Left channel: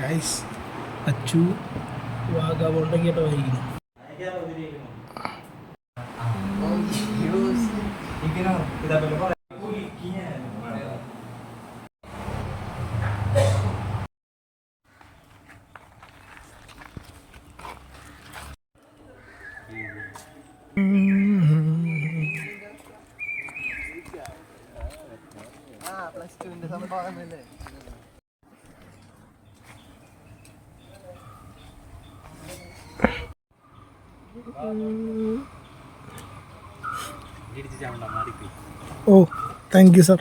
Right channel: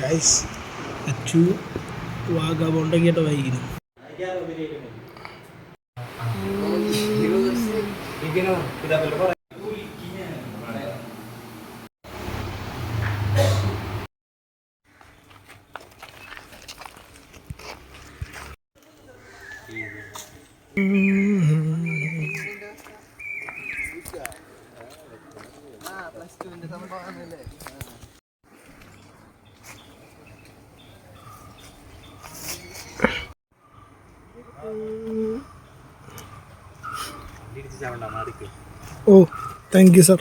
Guys Achu വാഗാബോണ്ടൊക്കെയായിട്ട് വായിക്കുന്നു. ഓ thank you sir.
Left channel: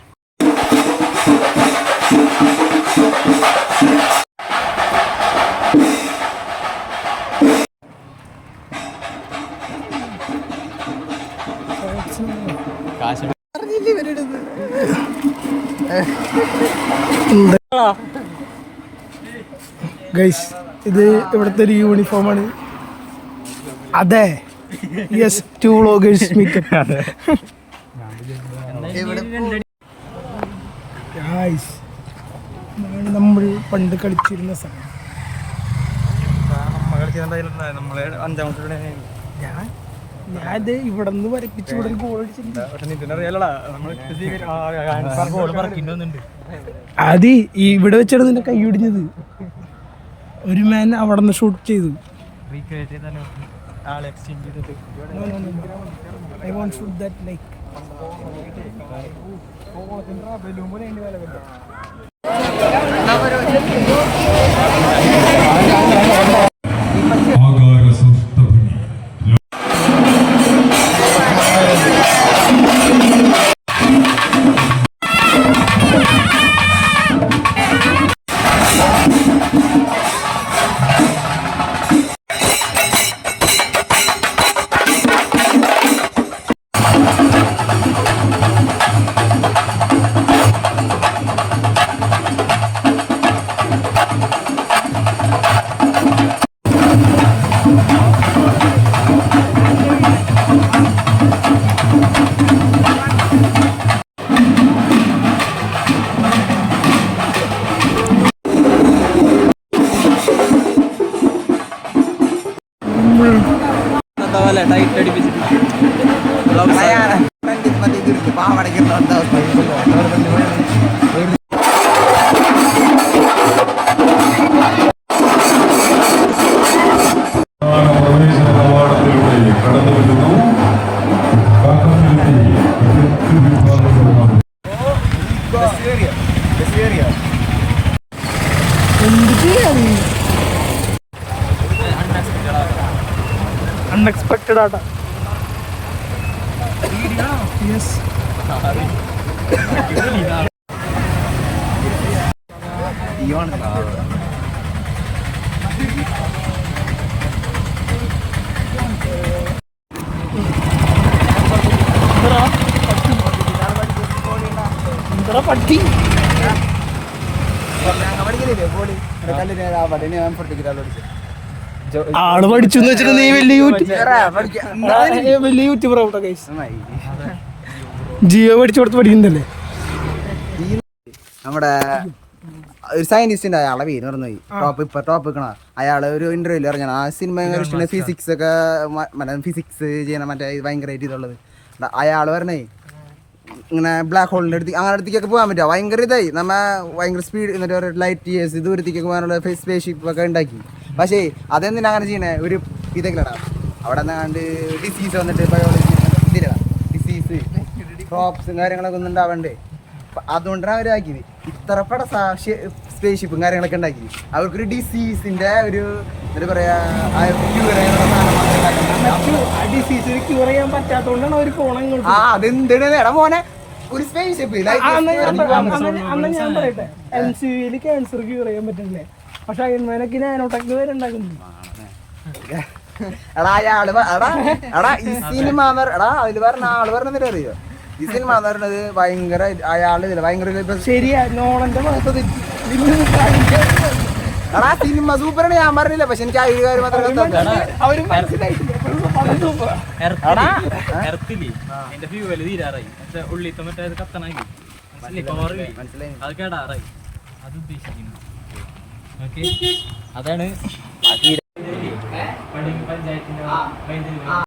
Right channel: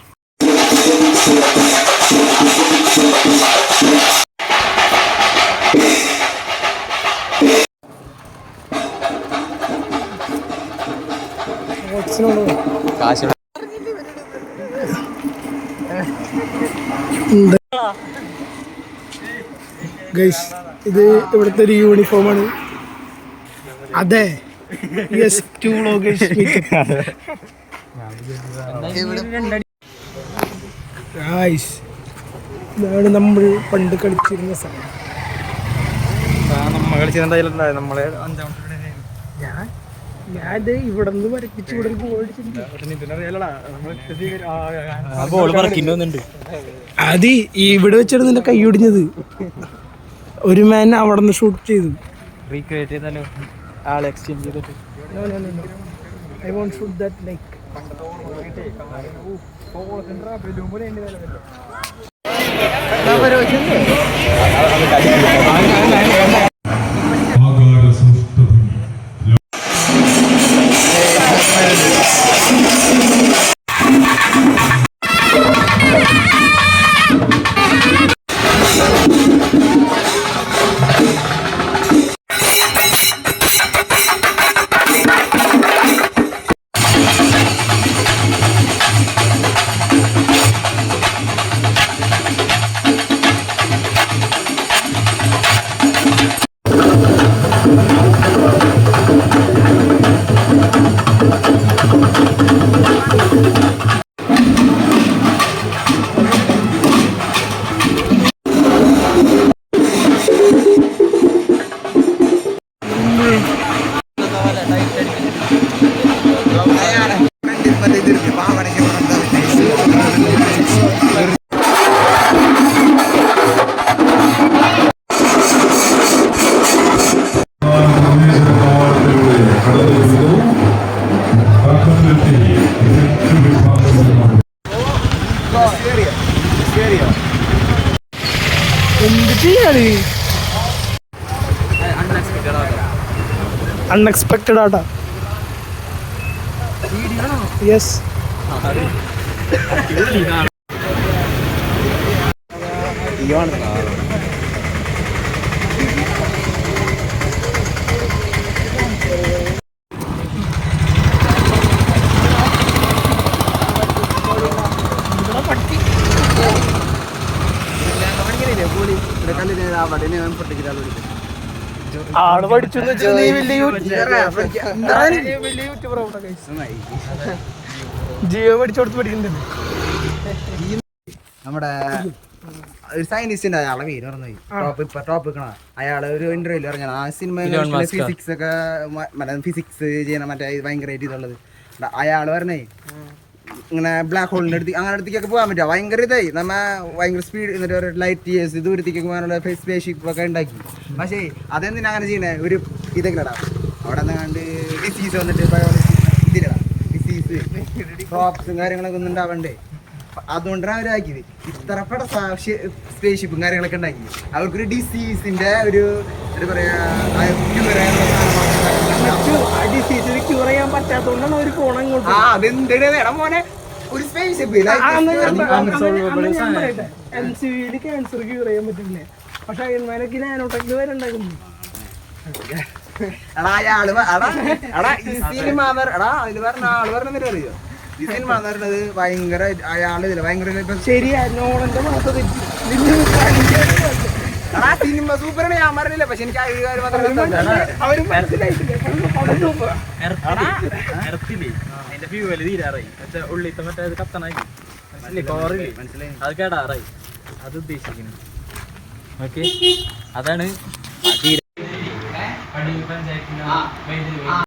Guys ഇത് ഇവിടുത്തെ ഒരു യൂണിഫോമാണ്. അതെ യെസ് ടു വ്ളോഗേഴ്സ് ഗൈസ് ഇതാണ് നമ്മൾ പണ്ട് കളിച്ചിരുന്ന സ്ഥലം. ഞാനിത് ഇവിടെ നിന്ന് വരപ്പിച്ച് ഇവിടെ ഒരു ഗോൾ അടിച്ചിട്ടുണ്ട്. അത് ഇവിടെ വെച്ചാണ് നിന്റെ കൈ ഒടിഞ്ഞത്. ഒരു മാൻ അവിടെ നിന്ന് ഷൂട്ട് ചെയ്തു. I won't shoot that like. എന്ത് ചെയ്യാറ് അൺഎക്സ്പെക്റ്റഡ് ആട്ടോ. യെസ് പട്ടി ആള് പഠിച്ചു വലിയ യൂട്യൂബർ ആവട്ടെ. ജിയോ പഠിച്ചു കൊടുത്ത് പഠിക്കുന്നല്ലേ. നമ്മുടെ ഒരു സയന്റിസ്റ്റിന്റെ അയാളെ പേര് പറഞ്ഞു ടോപ്പ് വെക്കണ അയാള് ഒരു ഇന്റർവ്യൂല് ഇറങ്ങണ ആ സിനിമ ഫിസിക്സ് ഒക്കെ ഫിസിക്സ് ചെയ്യണ മറ്റേ ഭയങ്കരമായിട്ട് ഇതുള്ളത്. അയാള് പറഞ്ഞേ ഇങ്ങനെ ബ്ലാക്ക് ഹോളിന്റെ അടുത്ത് അങ്ങനെ അടുത്തേക്കൊക്കെ പോകാൻ പറ്റുക ഭയങ്കര ഇതായി നമ്മ ഭയങ്കര സ്പീഡ് എന്നിട്ട് ഒരു ലൈറ്റ് ഇയേഴ്സ് ദൂരത്തേക്കൊക്കെ പോകാനുള്ള സ്പേസ് ഷിപ്പ് ഒക്കെ ഉണ്ടാക്കി. പക്ഷേ അതെന്തിനാ അങ്ങനെ ചെയ്യണേ ഒരു ഇതൊക്കെ ഇടാം അവിടെ നിന്നാണ്ട് ഡിസീസ് വന്നിട്ട് ബയോളജി ഇതിലിടാം ഡിസീസ് ക്രോപ്സും കാര്യങ്ങളൊക്കെ ഒന്നും ഉണ്ടാവണ്ടേ. അതുകൊണ്ടാണ് അവരാക്കിയത് ഇത്രപ്പെട്ട സ്പേസ് ഷിപ്പും കാര്യങ്ങളൊക്കെ ഉണ്ടാക്കി. അവർക്കൊരു ഡിസീസിന്റെ ഒരു എന്താ പറയാ ക്യൂർ ചെയ്യാനുള്ള സാധനം ഡിസീസിന് ക്യൂർ ചെയ്യാൻ പറ്റാത്തോണ്ടാണ് അവർ ഫോൺ അങ്ങോട്ട്. അതെന്തിനാ മോനെ ഒരു സ്പേസ് ഷിപ്പ് ഞാൻ പറയട്ടെ MCVയിൽ ക്യാൻസർ ക്യൂർ ചെയ്യാൻ പറ്റില്ലേ. പക്ഷെ അയൺമാനൊക്കെ നാനോടെക് വരെ ഉണ്ടാക്കുന്നു. അയാള് ഈ സിനിമ അതില് പറഞ്ഞ ആള് പറഞ്ഞിട്ട് അറിയോ ഈ സിനിമ പറഞ്ഞത് ഭയങ്കര അയാള് ഭയങ്കര ശരിയാ നോളന്റെ മാസം സിനിമ സൂപ്പറാണ് ഞാൻ പറഞ്ഞില്ല. പക്ഷെ എനിക്ക് അവരും മനസ്സിലായിട്ടില്ല. ഉള്ളിത്തെ മറ്റേ കത്തണായി മനസ്സിലായി അത് കേടാറായി അത് ഉദ്ദേശിക്കുന്നു. ഓക്കെ അതാണ്